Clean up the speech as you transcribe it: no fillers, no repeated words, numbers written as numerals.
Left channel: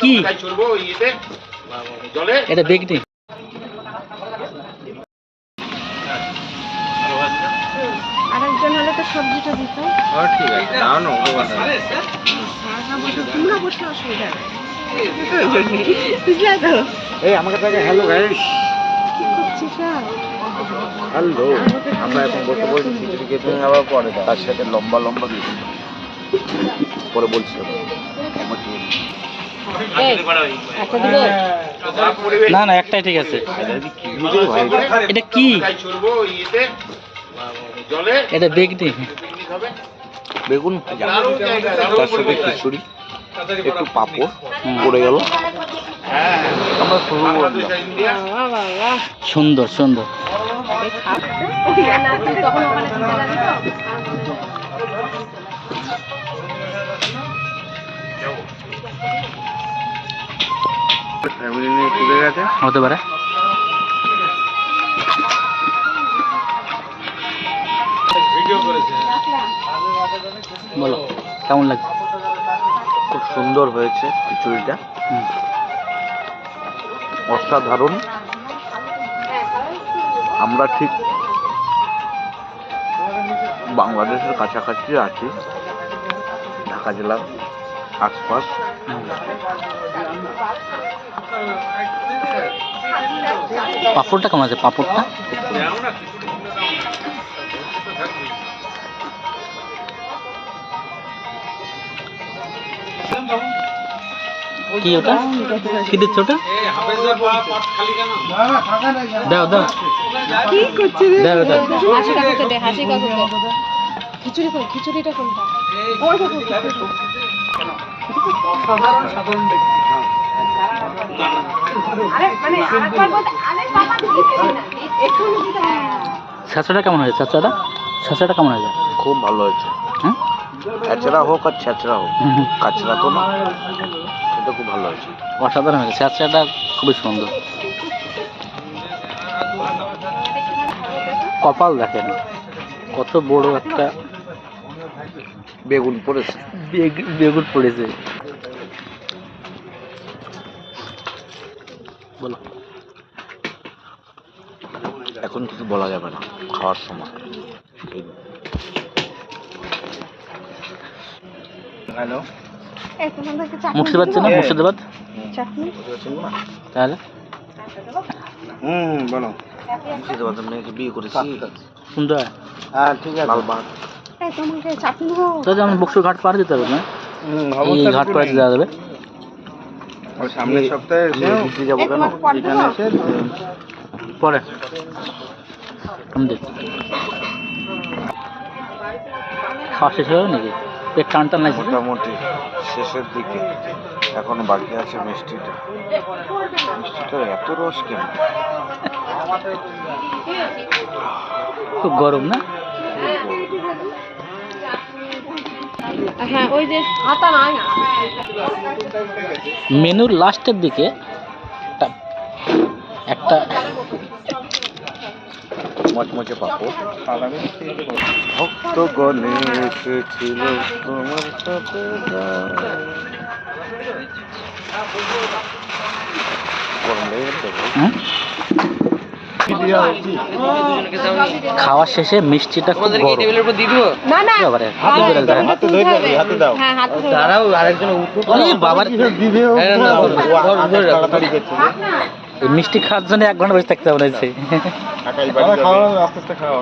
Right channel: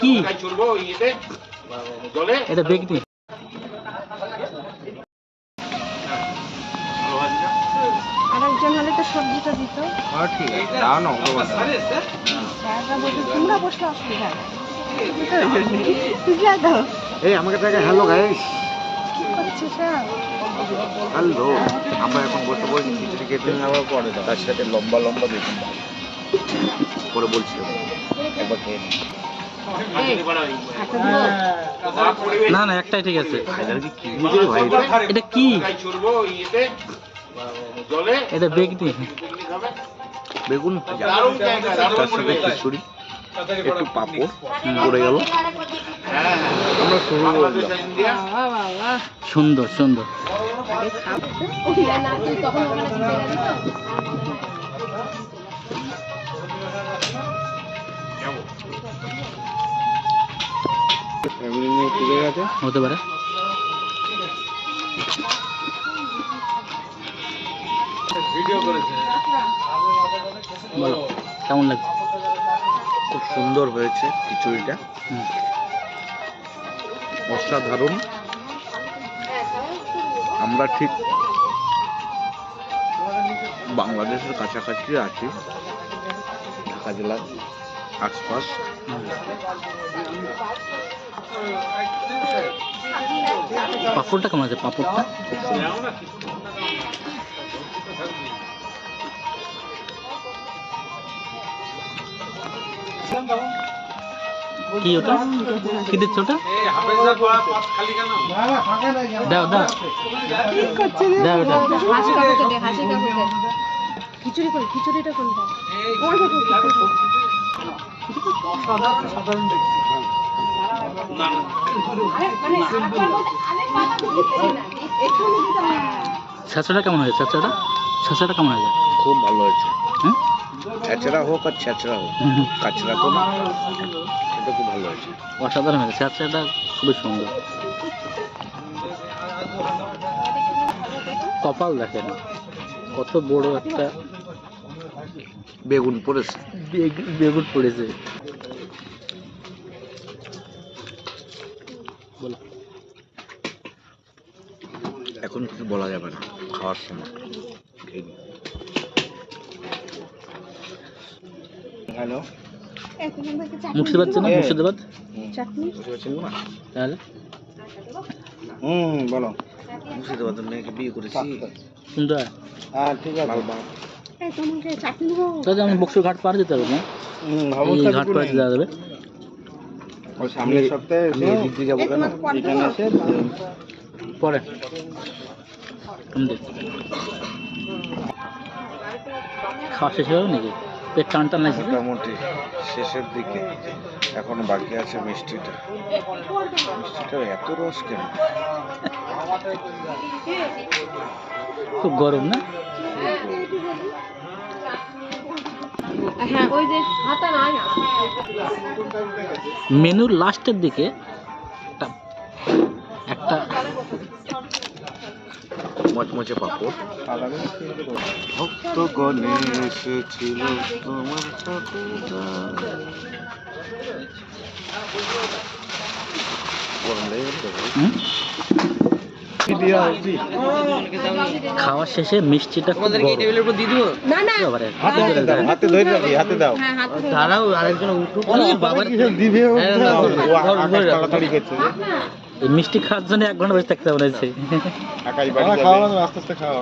কি এটা বেগনি? আরেকজন হলে তো সবজিটা দিত। ঠিক আছে, তোমরা বসলে অসুবিধা বুঝলা তো? এই আমাকে দেখে হ্যালো গাইস, কি করছিস? হ্যালো। আমরা এখন বসে বলছি খিচুড়ি খেতে, আবার পরে তার সাথে লম্বা লম্বা দুটো পরে বলছি একবার খেয়ে নিই। না না, একটাই ঠিক আছে। এটা কি? এটা বেগনি? বেগুন ভাজা, তার সাথে খিচুড়ি, একটু পাঁপড় পড়ে গেল। আমরা শুরু করলাম। সুন্দর সুন্দর। ফ্যামিলি নিয়ে ঘুরে গেছে, হতে পারে। বলো কেমন লাগছে? খুব সুন্দর হয়েছে খিচুড়িটা, অসাধারণ। আমরা ঠিক বাংলাদেশের কাছাকাছি আছি, ঢাকা জেলার আশপাশ। পাঁপড়টা কেমন আছে? পাঁপড়টা কি? ওটা কি দিচ্ছ? ওটা দাও দাও দাও দাও। হাসি কাকুকে দে, হাসি কাকুকে। খিচুড়ি কই? খিচুড়িটা কোনটা? ওই দেখো আরে মানে আরেকবার বলতে, আরে বাবা দিচ্ছি না, একটু দিতে হবে। ছাঁচড়া কেমন হয়েছে? ছাঁচড়া ছাঁচড়া কেমন হয়েছে? খুব ভালো হয়েছে। হুম, কাঁচড়া হোক আর ছাঁচড়া হোক, কাঁচড়া তো না, এটা খুব ভালো হয়েছে। অসাধারণ হয়েছে। ছাঁচড়াটা খুবই সুন্দর। কপাল দেখেন কত বড় একটা বেগুন পড়েছে। বেগুন পড়েছে। বলো। এখন কিছু বলা যাবে না, খাওয়ার সময়। হ্যালো, এই তোমাদেরকে চাটনি মুর্শিদাবাদ চেনো? মুর্শিদাবাদ চাটনি তাহলে বলো। মুর্শিদাবাদের মেয়েকে বিয়ে করেছি। সুন্দর। হ্যাঁ ঠিক আছে, লালবাগ। এই তোমাকে চাটনি দেবো। তাহলে আমি বক্সুর ঘাট পার দিতে হবে না? এই ঘাট পার দিতে যাবে সামনের সপ্তাহে ঘুরতে যাবো। কেন এখানে এসে পরে আমি দেখি। খাওয়া শেষ হয়ে নাকি? পেট টান টান লাগছে? মোটামুটি শেষের দিকে, এখনো বাকি আছে মিষ্টিটা। মিষ্টিটার এত রস কেন? খুব গরম না? হ্যাঁ ওই যে হাতা নয় না। মেনুর লাস্টের দিকে একটা মচমচে পাপড়। ভক্তগণে এসেছিল তোমার সাথে। খাওয়া শেষে মিষ্টিটা খুব গরম। না না হাতে ধরে যাবি, হাতে দাও। হ্যাঁ হাতে ধরে দাঁড়াও, আরেকজন উঠুক। বাবার দিবে তাড়াতাড়ি করছে। এই মিষ্টি খাওয়ার জন্য 1 ঘন্টা বসে থাকতে হবে। আস্তে আস্তে খাওয়া।